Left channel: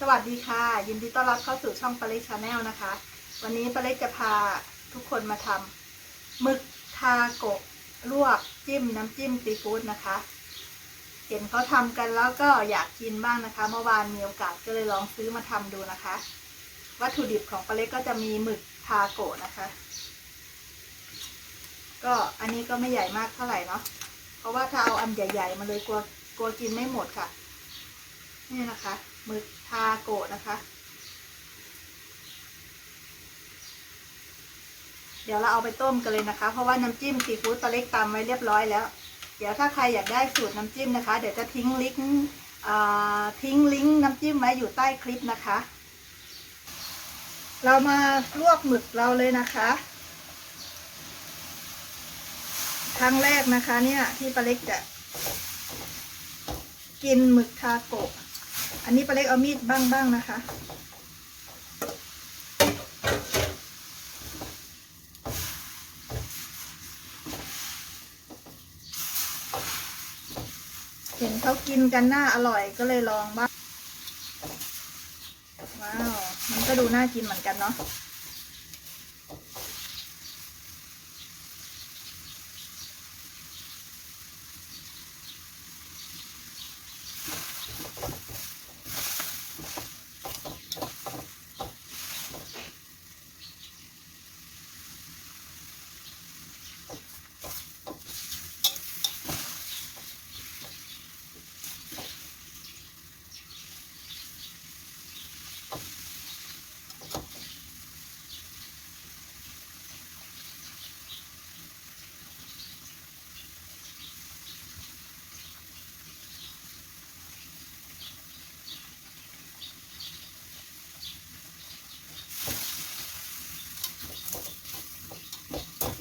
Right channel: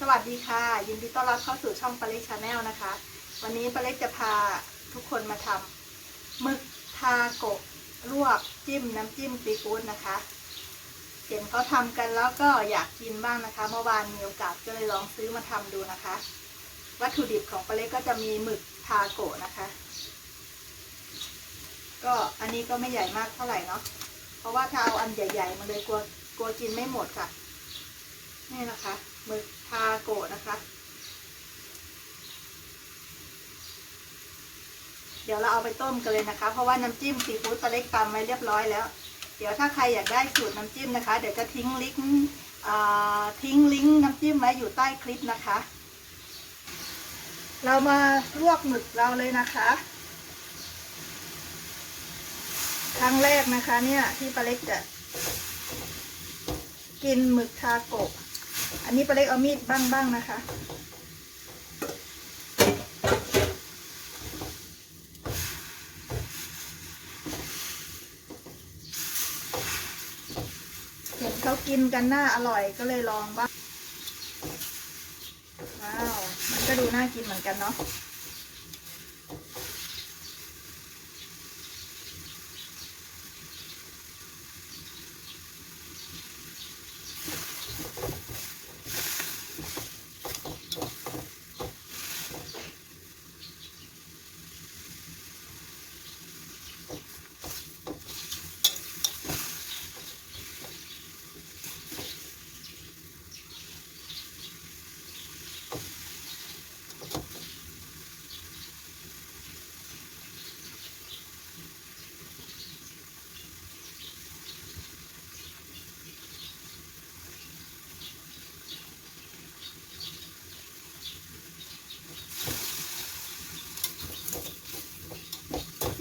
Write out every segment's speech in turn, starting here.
สวัสดีค่ะ ยินดีต้อนรับเข้าสู่ช่องปลาเล็กชาแนลนะคะ วันนี้ปลาเล็กจะพาทุกคนมาทำหมึกทาโกะลวกจิ้มน้ำจิ้มซีฟู้ดนะคะ เห็นเขาทำกันแล้วก็อยากกินบ้างนะคะ เมื่อวานมีโอกาสก็เลยลองซื้อมาทำดูนะคะ วัตถุดิบของปลาเล็กก็จะมีหมึกทาโกะนะคะ ก็อันนี้ก็ไม่ใหญ่มากเท่าไหร่เนาะเพราะว่าถ้าเอาอันใหญ่ ๆ มาเลยกลัวกลัวกินไม่หมดค่ะ นี่นะคะ หมึกทาโกะนะคะ เดี๋ยวเราเอาไปต้มกันเลยนะคะ เพราะว่าน้ำจิ้มซีฟู้ดตัวเล็กตำไว้เรียบร้อยแล้ว เดี๋ยวถ้าใครอยากได้สูตรน้ำจิ้มนะคะ เดี๋ยวจะทิ้งลิงก์ทิ้งลิงก์น้ำจิ้มไว้อยู่ใต้คลิปนะคะ เรามาลวกหมึกเราเลยนะคะ ครั้งแรกนะคะเนี่ยที่ปลาเล็กจะกินหมึกทาโกะ อันนี้ปลาเล็กเอามีดบ้างบ้างๆนะคะเห็นเขากินกันน่าอร่อยก็เลยลองบ้าง ว้าว มันก็ดูน่ากินเหมือนกันเนาะ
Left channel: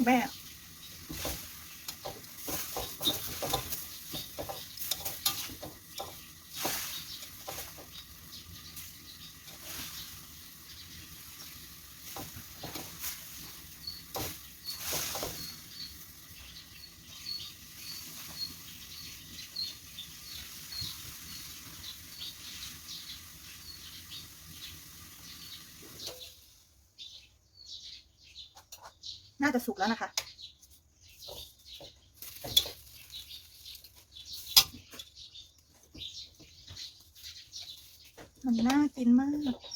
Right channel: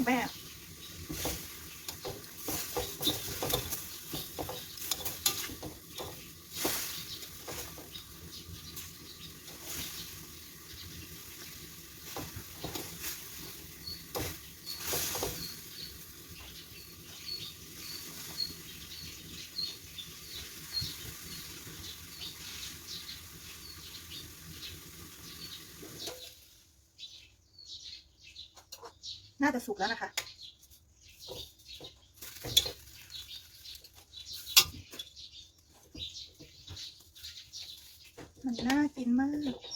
แม่ น่าจะสุกแล้วนะคะ มันน่ากินมาก